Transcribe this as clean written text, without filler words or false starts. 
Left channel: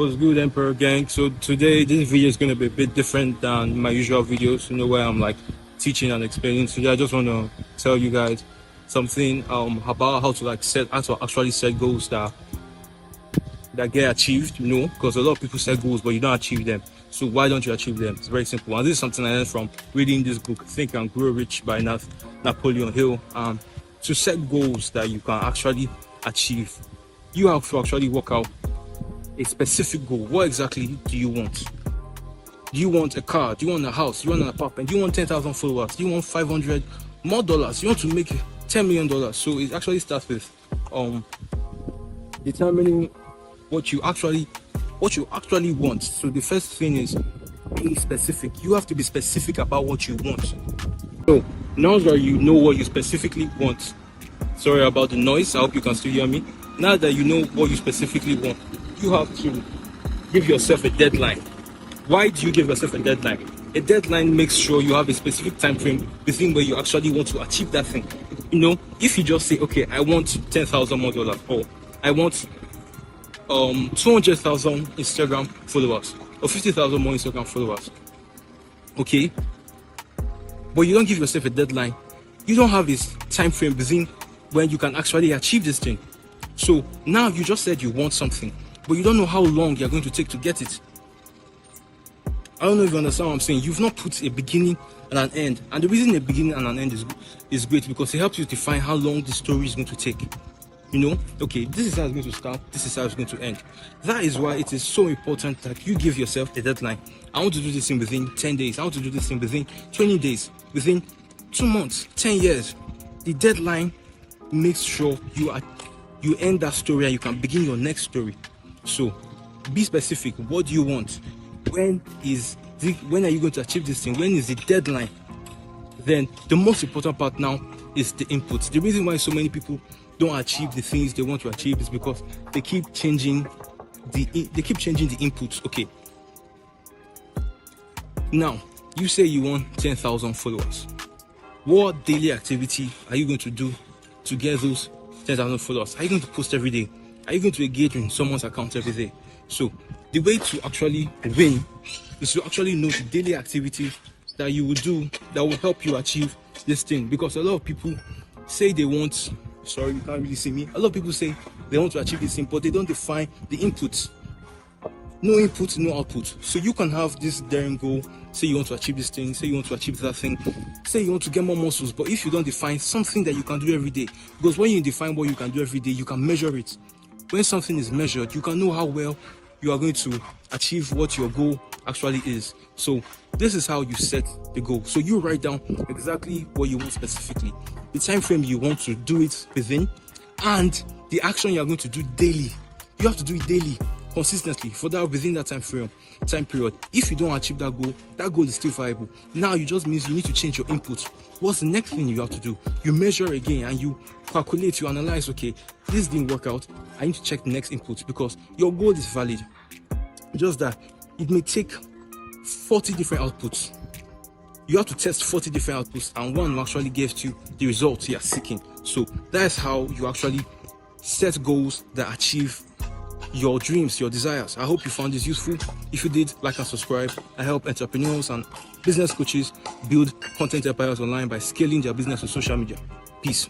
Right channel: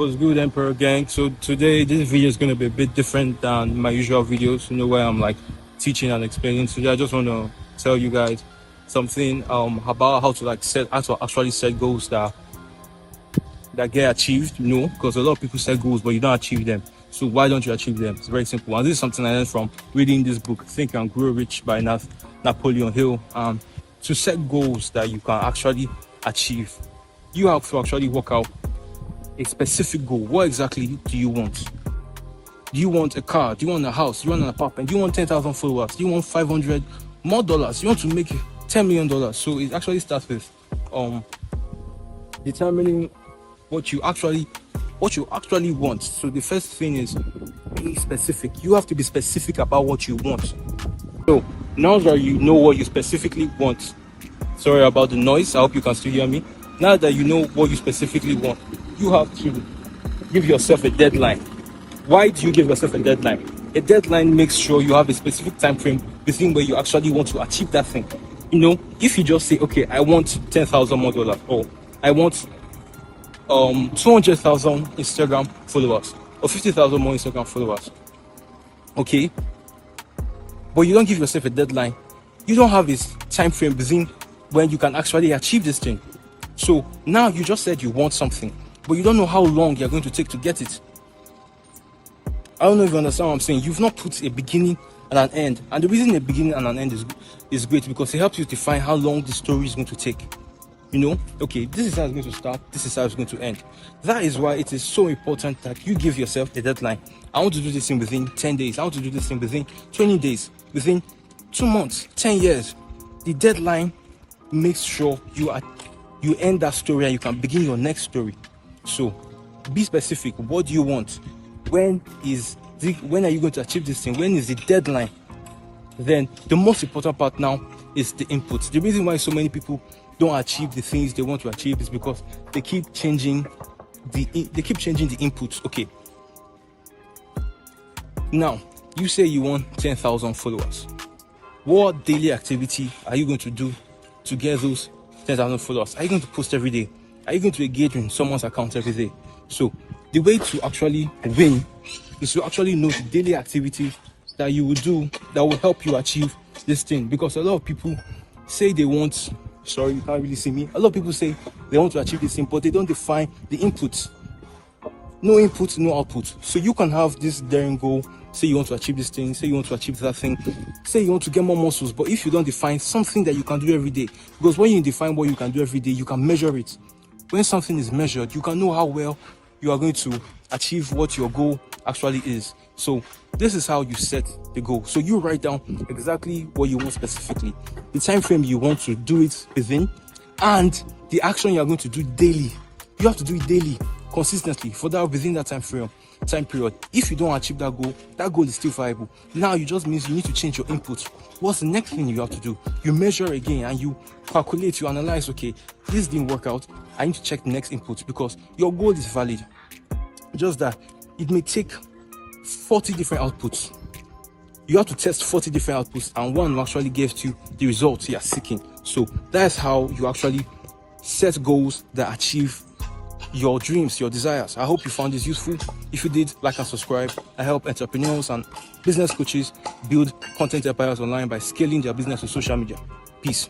What's good, Emperor Gang? So today this video is going to be a bit different than my usual videos, where I'm like teaching and explaining. Today I just want to tell you guys something about how to actually set goals that get achieved, because a lot of people set goals but you don't achieve them. So why don't you achieve them? It's very simple. And this is something I learned from reading this book, Think and Grow Rich by Napoleon Hill. To set goals that you can actually achieve, you have to actually work out a specific goal. What exactly do you want? Do you want a car? Do you want a house? Do you want an apartment? Do you want 10,000 followers? Do you want 500 more dollars? You want to make $10 million? So it actually starts with determining what you actually want. So the first thing is being specific. You have to be specific about what you want. So now that you know what you specifically want, sorry about the noise, I hope you can still hear me. Now that you know what you specifically want, you have to give yourself a deadline. Why do you give yourself a deadline? A deadline makes sure you have a specific time frame within where you actually want to achieve that thing. If you just say, okay, I want 10,000 more dollars, or I want 200,000 Instagram followers, or 50,000 more Instagram followers, okay, but you don't give yourself a deadline, you don't have a time frame within when you can actually achieve this thing. So now you just said you want something, but you don't know how long you're going to take to get it. I don't know if you understand what I'm saying. You've not put a beginning and an end. And the reason a beginning and an end is great because it helps you define how long the story is going to take. Okay, this is how it's going to start, this is how it's going to end. That is why it is so important that you give yourself a deadline. I want to do this thing within 10 days. I want to do this thing within 20 days, within 2 months, 10 years. The deadline makes sure you end that story and you can begin your next story. So be specific. What do you want? When are you going to achieve this thing? When is the deadline? Then the most important part now is the inputs. The reason why so many people don't achieve the things they want to achieve is because they keep changing the inputs. Okay, now you say you want 10,000 followers. What daily activity are you going to do to get those 10,000 followers? Are you going to post every day? Are you going to engage in someone's account every day? So the way to actually win is to actually know the daily activities that you will do that will help you achieve this thing. Because a lot of people say they want, sorry, you can't really see me. A lot of people say they want to achieve this thing, but they don't define the inputs. No input, no output. So you can have this daring goal. Say you want to achieve this thing, say you want to achieve that thing, say you want to get more muscles, but if you don't define something that you can do every day, because when you define what you can do every day, you can measure it. When something is measured, you can know how well you are going to achieve what your goal actually is. So this is how you set the goal. So you write down exactly what you want specifically, the time frame you want to do it within, and the action you are going to do daily. You have to do it daily, consistently, for that within that time period. If you don't achieve that goal is still viable. Now you just means you need to change your input. What's the next thing you have to do? You measure again and you calculate, you analyze, okay, this didn't work out, I need to check the next input, because your goal is valid. Just that it may take 40 different outputs. You have to test 40 different outputs and one will actually give you the results you are seeking. So that's how you actually set goals that achieve your dreams, your desires. I hope you found this useful. If you did, like and subscribe. I help entrepreneurs and business coaches build content empires online by scaling their business on social media. Peace.